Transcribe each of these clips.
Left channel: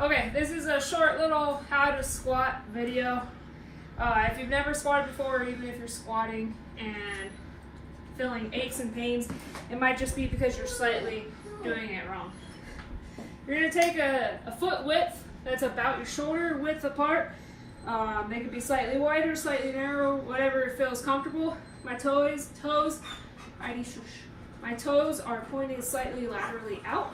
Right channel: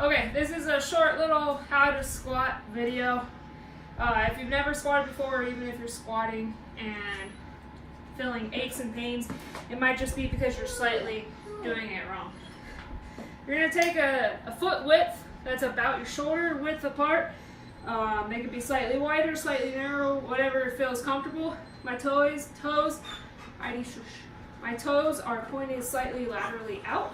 Okay, this is a short little how to squat video. If you've never squatted before, or even if you're squatting and feeling aches and pains, it might just be because you're slightly doing it wrong. You're going to take a foot width that's about your shoulder width apart. They could be slightly wider, slightly narrow, whatever feels comfortable. My toes are pointing slightly laterally out.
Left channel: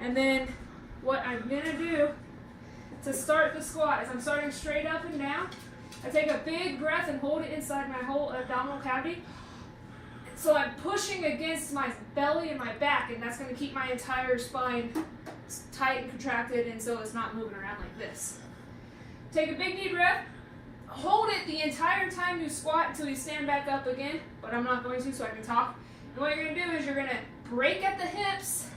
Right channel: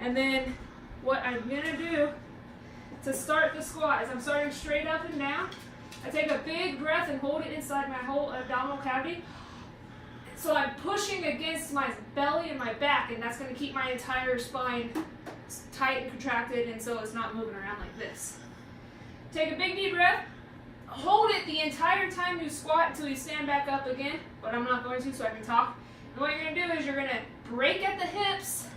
And then what I'm gonna do to start the squat is I'm starting straight up and down. I take a big breath and hold it inside my whole abdominal cavity. So I'm pushing against my belly and my back, and that's gonna keep my entire spine tight and contracted, and so it's not moving around like this. Take a big deep breath, hold it the entire time you squat until you stand back up again, but I'm not going to so I can talk. And what you're gonna do is you're gonna break at the hips.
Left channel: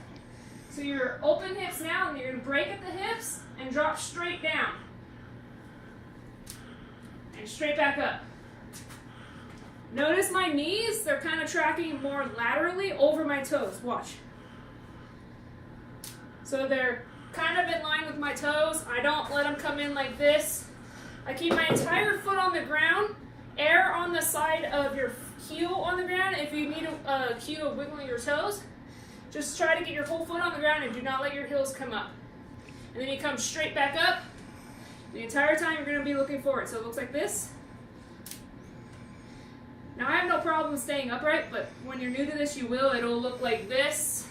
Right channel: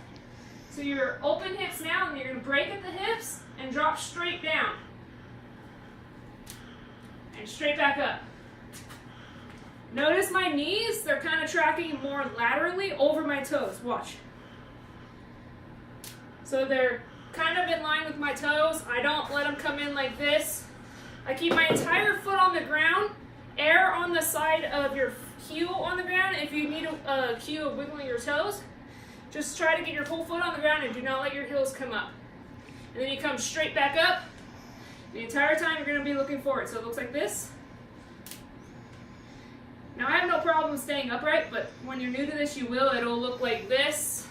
So you're open hips now, and you're gonna break at the hips and drop straight down. And straight back up. Notice my knees, they're kind of tracking more laterally over my toes. Watch. So they're kind of in line with my toes. I don't let them come in like this. I keep my entire foot on the ground. Air on the side of your heel on the ground. If you need a cue of wiggling your toes, just try to get your whole foot on the ground and do not let your heels come up. And then you come straight back up. The entire time you're going to be looking forward. So it looks like this. Now I have no problem staying upright, but when you're new to this, you will. It'll look like this,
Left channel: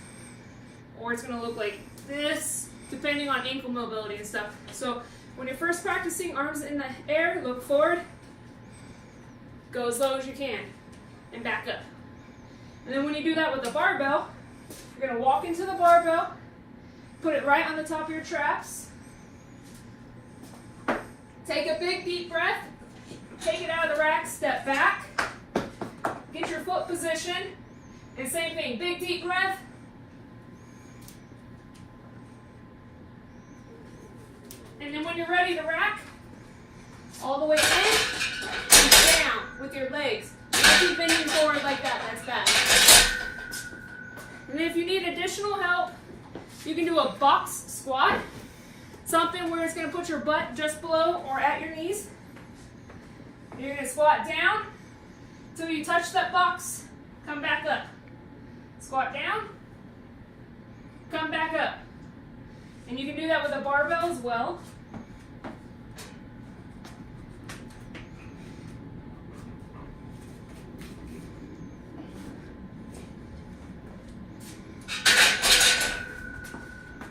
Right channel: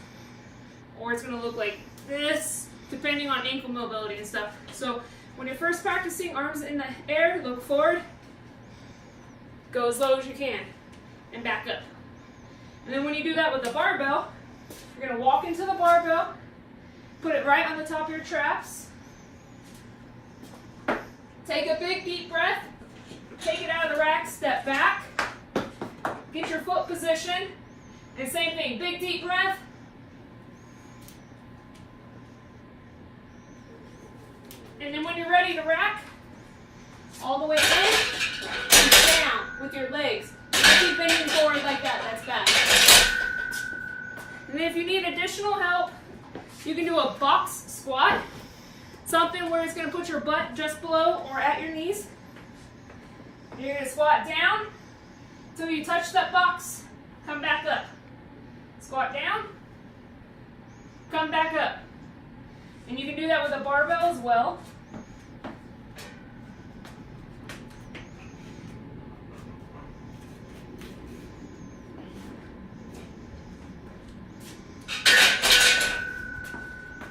or it's going to look like this, depending on ankle mobility and stuff. So when you're first practicing arms in the air, look forward, go as low as you can, and back up. And then when you do that with the barbell, you're going to walk into the barbell, put it right on the top of your traps, take a big deep breath, take it out of the rack, step back, get your foot position, and same thing, big deep breath, and then when you're ready to rack, all the way in and down with your legs. Keep bending forward like that, that's bad. And if you need additional help, you can do a box squat, something where it's going to put your butt just below or at your knees. And you're going to squat down until you touch that box, come back up. Squat down, come back up. And you can do that with a barbell as well.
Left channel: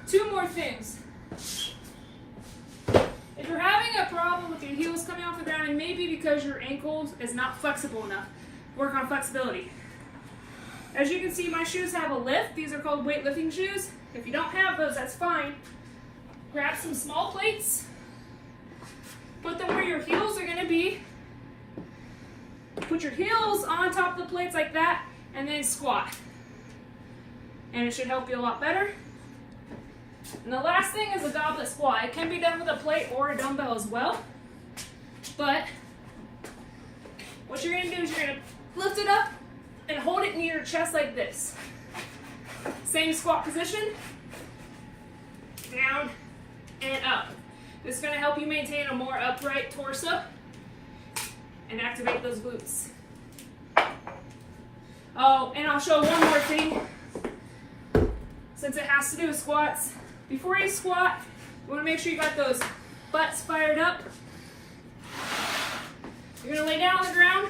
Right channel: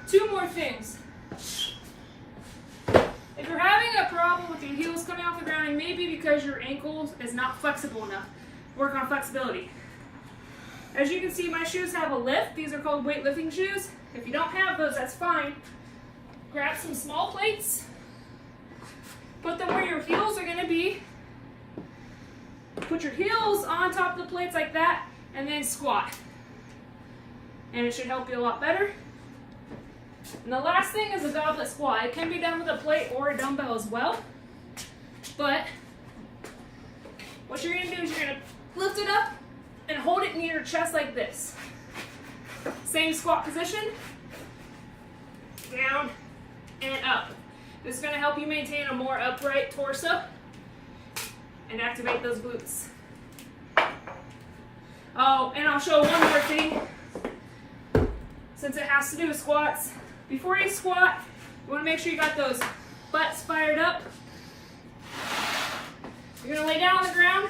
Two more things. If you're having a problem with your heels coming off the ground, and maybe because your ankle is not flexible enough, work on flexibility. As you can see, my shoes have a lift. These are called weightlifting shoes. If you don't have those, that's fine. Grab some small plates, put them where your heels are going to be. Put your heels on top of the plates like that, and then squat. And it should help you a lot better. And the last thing is a goblet squat. It can be done with a plate or a dumbbell as well. But what you're going to do is you're going to lift it up and hold it near your chest like this. Same squat position. Down and up. This is going to help you maintain a more upright torso and activate those glutes. Oh, and I'll show one more thing since it has to do with squats. Before you squat, you want to make sure you got those butts fired up. You're going to lay down on the ground,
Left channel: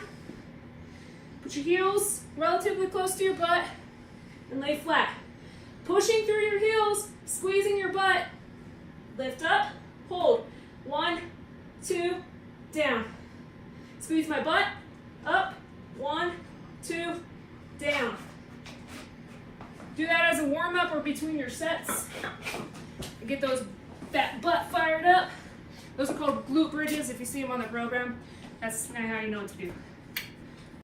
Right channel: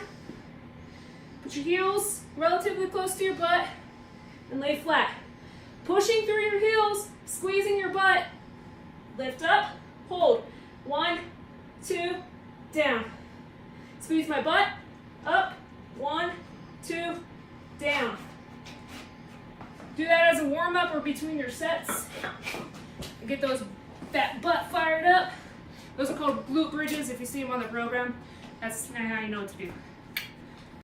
put your heels relatively close to your butt, and lay flat. Pushing through your heels, squeezing your butt. Lift up, hold. 1, 2, down. Squeeze my butt, up, 1, 2, down. Do that as a warm-up or between your sets. Get that butt fired up. Those are called glute bridges. If you see them on the program, that's how you know what to do.